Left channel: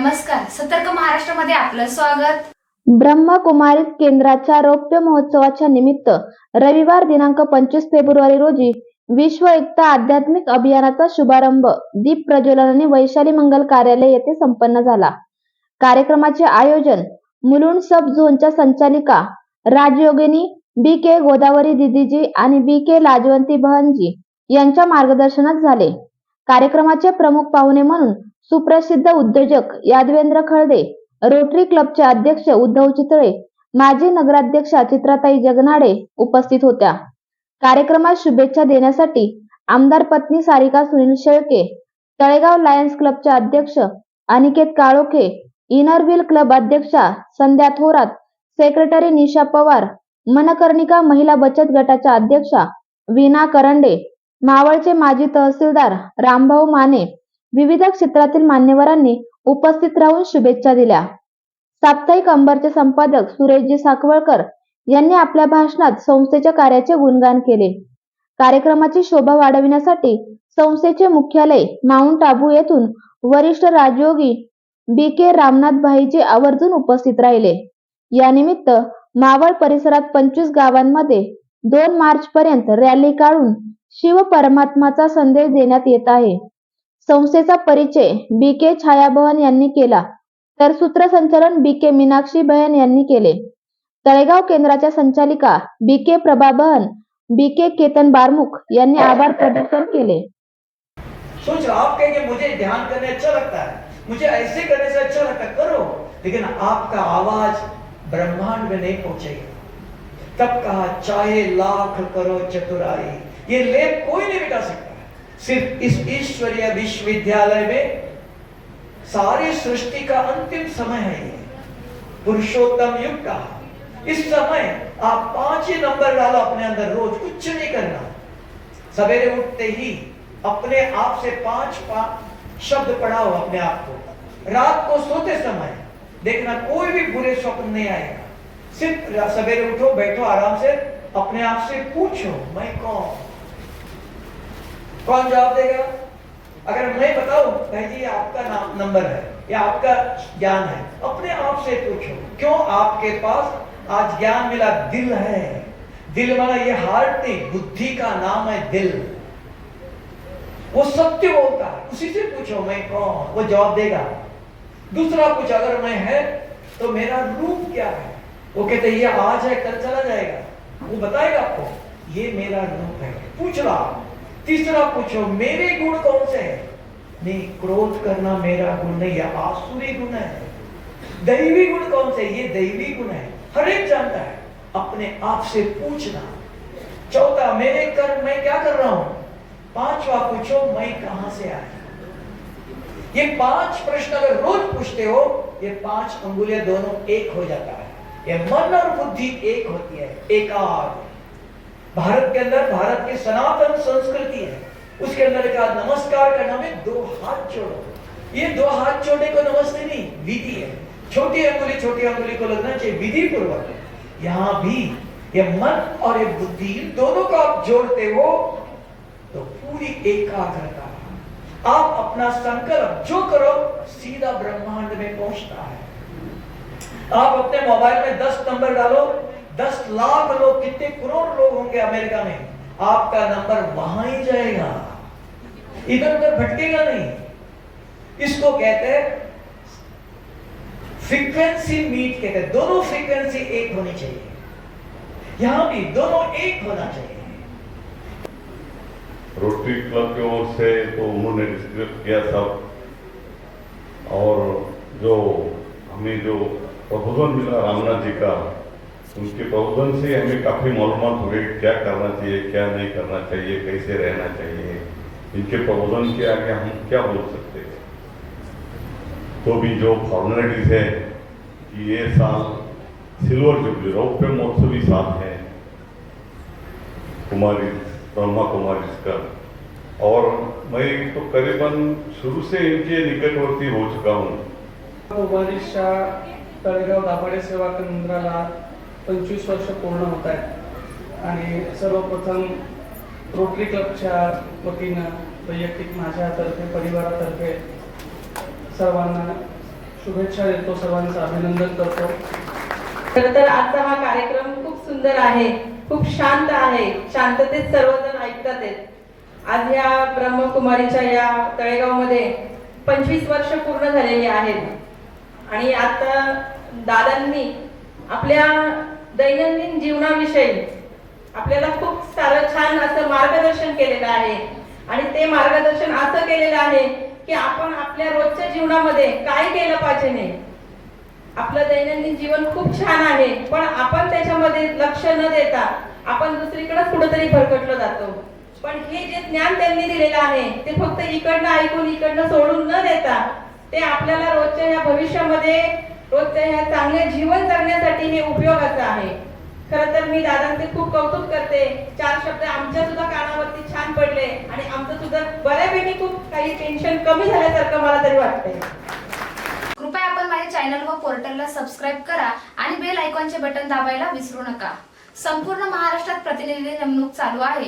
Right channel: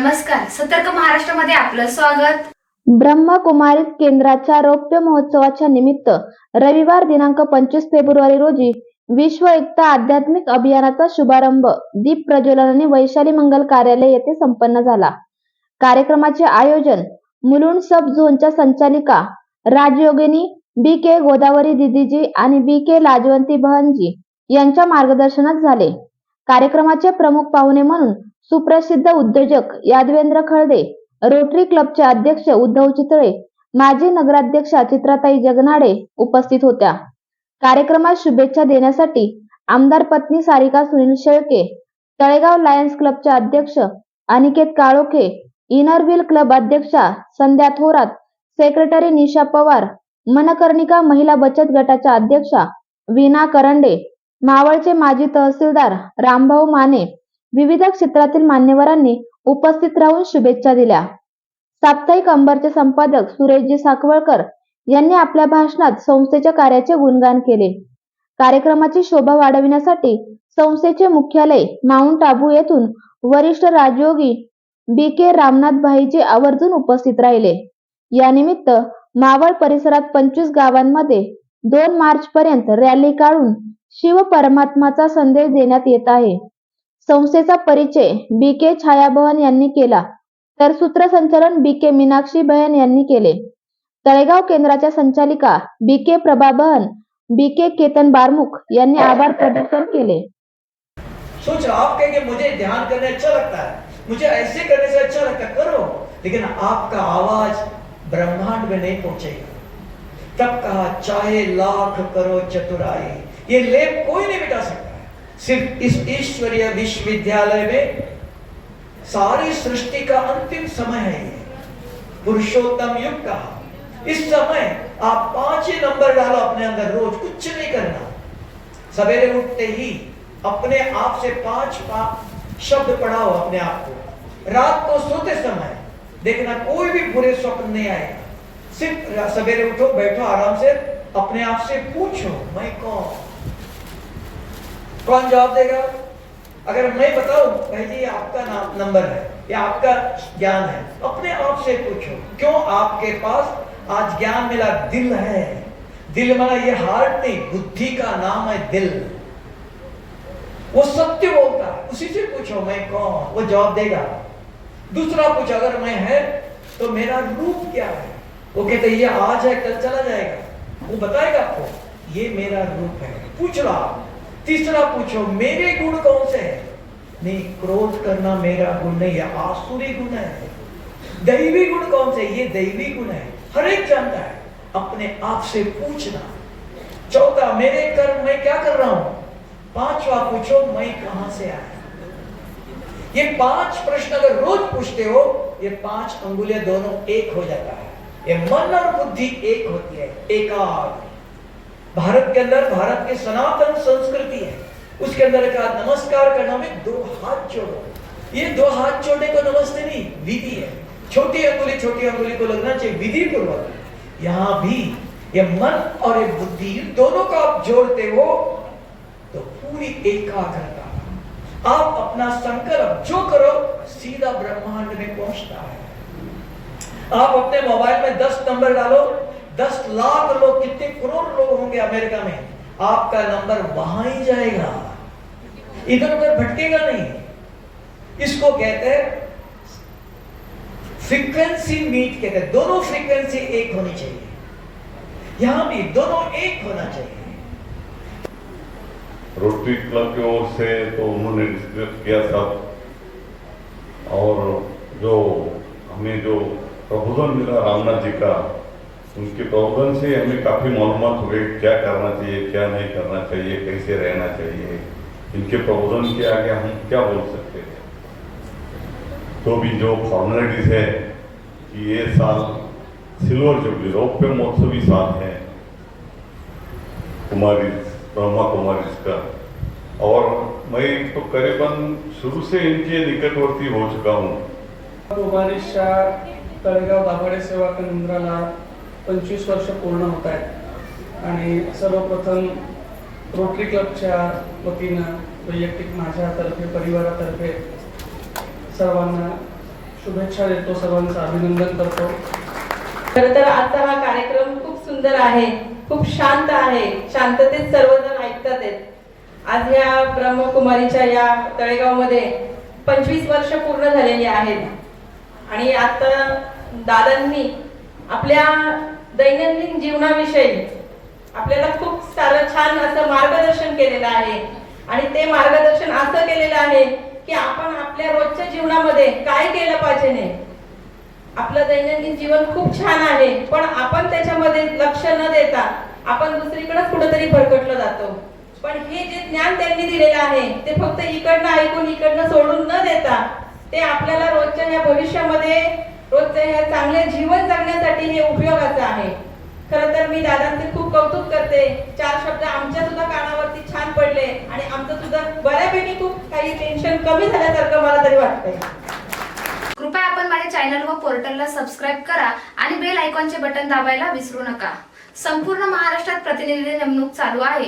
नमस्कार, सतर्क महाराष्ट्रामध्ये आपलं स्वागत। ब्रह्मकुमारीज केंद्राच्या रौप्य महोत्सवाच्या निमित्त रविवार दिनांक 25 फेब्रुवारी रोजी विश्व एकता आध्यात्मिक अभियानाचा शुभारंभ दीप प्रज्वलनाने वैशाली मंगल कार्यालय येथे संपन्न झाला। कार्यक्रमाचे आयोजन मुलुंड सब झोनच्या संचालिका राजयोगिनी बी.के. गोदावरी दीदीजी आणि बी.के. लाजवंती बहनजी यांच्या मार्गदर्शनात झाले। कार्यक्रमाचे प्रमुख पाहुणे म्हणून सुप्रसिद्ध उद्योजक यादवेंद्र खळदे, रोटरी क्लबचे अध्यक्ष उद्धव चितळे, माजी नगराध्यक्षा चित्राताई जगनाडे उपस्थित होत्या। कार्यक्रमात शुभेच्छा देण्यासाठी आमदार पत्नी सारिका सुनील शेळके, तळेगाव लायन्स क्लबचे अध्यक्ष Aniket Kalokhe, inner wheel club अध्यक्षा संध्या थोरात, सेक्रेटरी निशा पवार, मनकर्णिका महिला बचत गटाच्या अध्यक्षा वीणा करंडे, मावळचे माजी तहसीलदार रामभाऊ माने, विविध क्षेत्रातील मान्यवरांनी उपस्थित राहून शुभेच्छा दिल्या। साप्ताहिक अंबरचे संपादक सुरेशजी साखवळकर यांनी आपल्या भाषणात संस्थेच्या कार्याचे गुणगान केले। कार्यक्रमाची शोभा वाढविण्यासाठी संस्थेचे मुख्यालय माउंट आबू येथून वरिष्ठ राजयोगी बी.के. रामनाथ भाईजी आवर्जून उपस्थित राहिले। या निमित्त मावळ परिसरात 25 गावांमध्ये 2 मार्च पर्यंत रॅली काढून शिव परमात्माचा संदेश देण्यात येत आहे। संस्थेचा परिचय बी.के. छायाबहन यांनी केला, तर सूत्रसंचालन बी.के. मीनाक्षी बहन यांनी केले। तळेगाव केंद्राच्या संचालिका बी.के. प्रभाबहन, बी.के. केतन बारमुख यांनी आभार प्रदर्शन केले। सोच आप कहेंगे मुझे ध्यान करने अच्छा लगता है, मुझे ऐसे करने से अच्छा लगता है, करो, लेकिन आपका आवाज ब्रह्मांड में नहीं पहुंचेगा। तब कहा चाहे लाख करो चतुराई, ये लेप कोई नहीं मिटा सकता। सिर्फ इस ईश्वरीय विश्वविद्यालय में सारी सृष्टि का अंतिम समय है, ये पुरुषोत्तम युग का। इस समय आप 5 ही नंबर डालो अपने अंदर, रोज कुछ नहीं करना। सवेरे उठते ही अपने आप से 5 शब्द पढ़ाओ अपने आप को। रात को सोते समय देखना कोई भी बुरे स्वप्न नहीं आएगा। सिर्फ सवेरे उठो, बैठो आराम से, अपने आप से पूछो मैं कौन जवाब देगा? अगर मैं बताऊं पहले ये आपका नंबर है, ये आपका ज्ञान है, अपने आप से पूछो क्यों आपके पास आज ज्ञान मिला? दिल है, दिल माना ये हार्ट नहीं, बुद्धि का नाम है दिल। वो सत्य बोलता है, उसी से पूछो मैं कौन, वो जवाब देगा। दूसरा पूछो अगर मैं है तो मेरा रूप क्या है? वो कहते ये आज है कल चला जाएगा, वो बताएगा आपको ये मेरा रूप है, पूछ लो। तीसरा पूछो मेरे गुण कौन से हैं? नहीं, क्रोध करना मेरा गुण नहीं है, आसुरी गुण है। दैवी गुण कौन से? ये दैवी गुण है, हर एक जानता है, अपने आप से पूछना। चौथा मेरे कर्म मैं क्या कर रहा हूं? पांचवा पूछो मैं कहां से आया। ये 5 प्रश्न अगर रोज पूछते हो, ये 5 अंगुलियां दोनों एक हो जाता है। ये मन और बुद्धि एक होती है, एकाग्र। भारत के अंदर भारत की सनातन संस्कृति है, उसके अंदर का नमस्कार करना में 2 हाथ जोड़ो। ये 2 हाथ जोड़ने को नमस्ते नहीं, विधि है। छोटी अंगुली को लगना चाहिए विधि पूर्वक। यहाँ भी ये मन और ये बुद्धि दोनों को आप जोड़ते हो तो पूरी एकाग्रता। आप अपना संकल्प जो करो सीधा ब्रह्मांड में पहुंचता है। आप अपने मोबाइल में 10 नंबर डालो, 10 लाख लोग, कितने करोड़ लोग होंगे अमेरिका में, आपका नंबर वहां ही जाएगा, इधर उधर भटकेगा नहीं। इसको कहते हैं फ्रीक्वेंसी मीट, कहते हैं दोनों फ्रीक्वेंसी एक होनी चाहिए। यहां भी दोनों एक होना चाहिए। रोटरी क्लब की ओर से तो उन्होंने डिस्कस किया सब, और जो हमें जो प्रबोधन मिला रामनाथ जी का, उनके प्रबोधन से हमें काफ़ी मालूमात हुए क्या करना चाहिए, क्या नहीं करना चाहिए, कैसे रहना चाहिए। इनके प्रबोधन के आगे हम क्या बोल सकते हैं। तो भी जो फॉर्मेलिटीज है कि ये साल सिल्वर जुबली रौप्य महोत्सवी साल है ब्रह्मा कुमारीज का, और मैं तो करीबन शुरू से इनके निकटवर्ती हो चुका हूँ। कुमारीच्या तळेगाव दाभाडे सेवा केंद्राला 25 वर्ष पूर्ण होत आहेत आणि सर्वप्रथम रोटरी क्लबच्या वतीनं वैयक्तिक माझ्यातर्फे परिवारातर्फे सर्वांना शुभेच्छा देतो, सर्वांचं अभिनंदन करतो. खरं तर आजचा हा कार्यक्रम खूप सुंदर आहे, खूप शांत आहे, शांततेत सर्वजण ऐकतात आहेत. आज या ब्रह्मकुमारीच्या या तळेगावमध्ये 25 वर्ष पूर्ण झालेली आहेत आणि आता दादांनी आपल्या दैनंदिन जीवनाविषयी आपल्याला खूप सारं छान असं मार्गदर्शन केलेलं आहे आणि ते मार्गदर्शन असं केलेलं आहे की आपण आपल्या रोजच्या जीवनामध्ये काय केलं पाहिजे नाही. आपलं दैनंदिन जीवन खूप छान आहे, पण आपण त्याच्यामध्ये लक्ष न देता आपण दुसरीकडे कुठेतरी भरकटलो जातो. पण हे जे ज्ञान त्यांनी दिलेलं आहे ते फक्त इकडनं ऐकून इकडनं सोडून न देता ते आपल्याला रोजच्या ह्या भविष्यामध्ये रोजच्या ह्या चांगले जीवन जगण्यासाठी हे उपयोगाचं आहे. खरं तर मी दादांचे खूप कौतुक करते. 4 शब्द आमच्या सुद्धा कानावरती छान पडले आणि आमचं सुद्धा बऱ्यापैकी खूप काही टेन्शन कमी झाल्यासारखं मला तरी वाटतंय. कृपया आपण माझ्या चॅनल व पोर्टलला सबस्क्राईब करा आणि बेल आयकॉनचे बटन दाबायला विसरू नका. संपूर्ण महाराष्ट्रात प्रतिनिधी नेमणूक चालू आहे.